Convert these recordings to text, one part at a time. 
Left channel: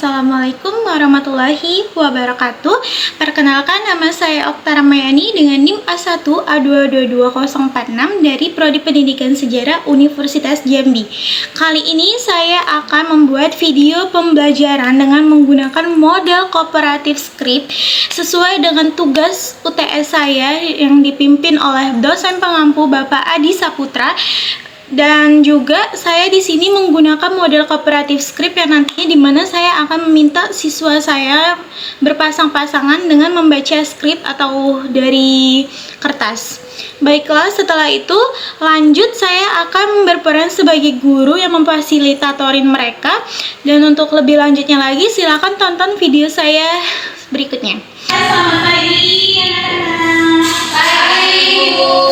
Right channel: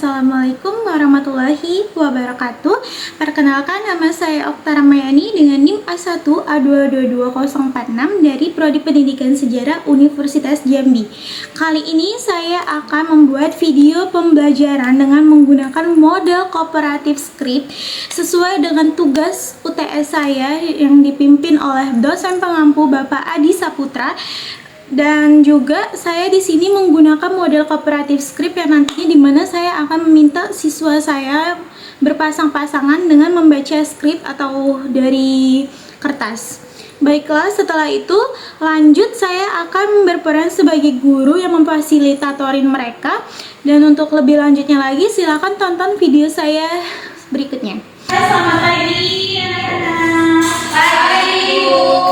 Assalamualaikum warahmatullahi wabarakatuh. Perkenalkan, nama saya Oktara Mayani dengan NIM A1A2222046 dari Prodi Pendidikan Sejarah Universitas Jambi. Kali ini saya akan membuat video pembelajaran dengan menggunakan model kooperatif script sesuai dengan tugas UTS saya yang dipimpin oleh dosen pengampu Bapak Adi Saputra. Dan juga saya di sini menggunakan model kooperatif script yang nantinya dimana saya akan meminta siswa saya berpasang-pasangan dengan membaca script atau dari kertas. Baiklah, setelah itu lanjut saya akan berperan sebagai guru yang memfasilitatorin mereka. Dan untuk lebih lanjutnya lagi silakan tonton video saya berikutnya. Selamat pagi anak-anak. Pagi, Bu.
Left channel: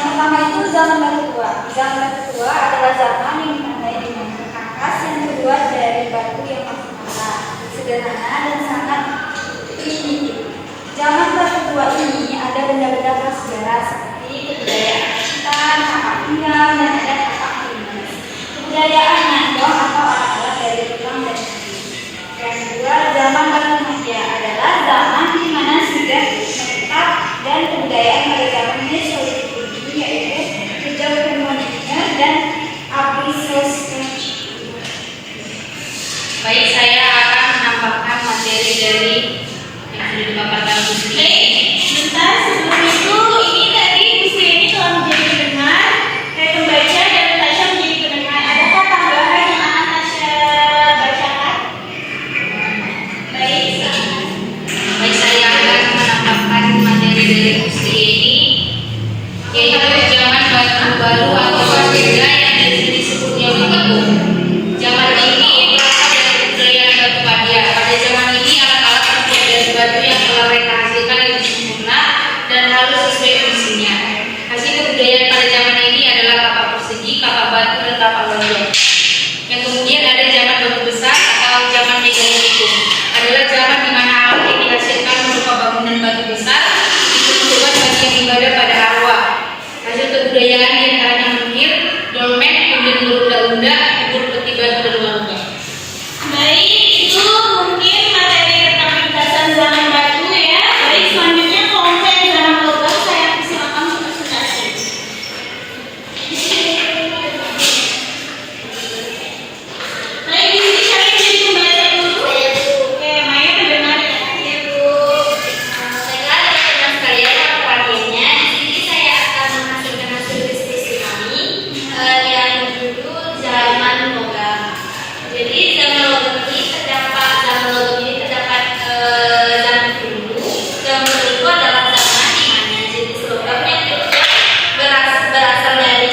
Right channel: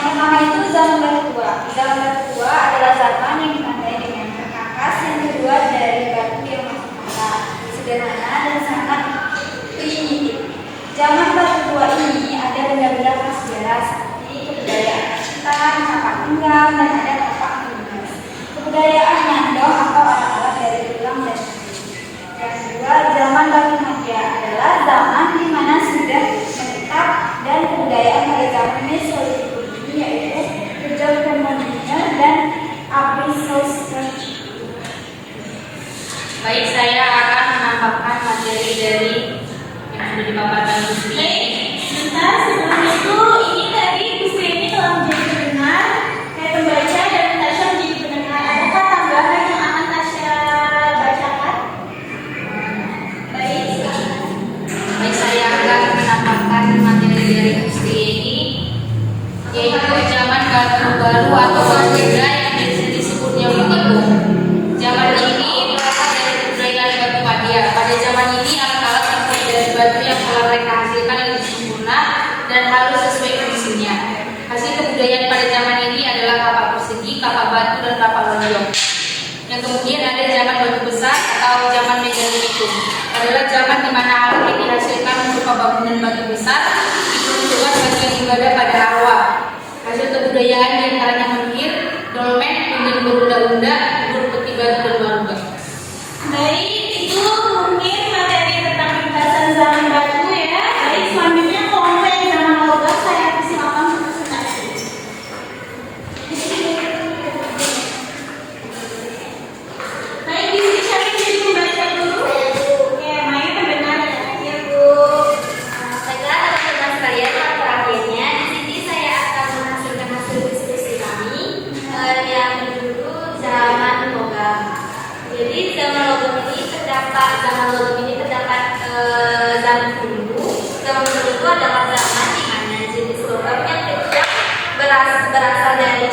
Yang pertama itu zaman batu tua. Zaman batu tua adalah zaman yang ditandai dengan perkakas yang terbuat dari batu yang masih mentah, sederhana dan sangat primitif. Zaman batu tua ini ada benda-benda prasejarah seperti kebudayaan rakitan, tapak pinggang, dan ada tapak krimas. Kebudayaan mandong atau alat-alat dari tulang dan kayu. Yang kedua, zaman batu maja adalah zaman di mana sudah menetap dan kebudayaan pada zaman Mesolith ini yaitu Kejel Permodiner dan Abrisost. Baik, saya akan menambahkan materi dari yang sudah dipaparkan Bu Sri. Bentar, sebelum itu ini tadi Bu Sri ini telah menjadi pendengar, pembaca dan Tasya menjadi pendengar. Adakah tambahan yang akan Tasya bacakan? Baik, silakan. Baik, saya akan menambahkan materi dari Bu Sri ini, yaitu zaman batu baru atau berbeda yang disebutnya begitu. Zaman ini berasal dari kebudayaan batu maja. Pada zaman ini alat-alat terbuat dari batu yang telah mereka hasilkan lebih sempurna dan halus sesuai fungsinya. Hasil kebudayaan pada zaman ini adalah kapak persegi, kapak batu, dan kapak lonjong. Yang kemudian ada zaman batu besar atau zaman megalitikum. Adalah zaman di mana alat yang dihasilkan berupa bangunan batu besar diperuntukkan bagi yang ibadah pada arwah. Hasil kebudayaan diantaranya menhir, dolmen, pundi berunda-unda, kubur peti batu, dan warga. Baik, itu mungkin materi tentang ringkasan zaman batu ya. Baik, selanjutnya kelompok zaman logam saya persilakan untuk presentasi. Baik, di sini saya jadi pembaca dulu. Oke, Maya pendengar ya. Ya Bu, baiklah teman-teman sekalian, perhatiannya di sini saya akan menghasilkan hasil diskusi kami yang berjudul zaman logam. Jadi zaman logam ini terdapat zaman dulu. Zaman dulu adalah zaman di mana jenis logam yang berasal dari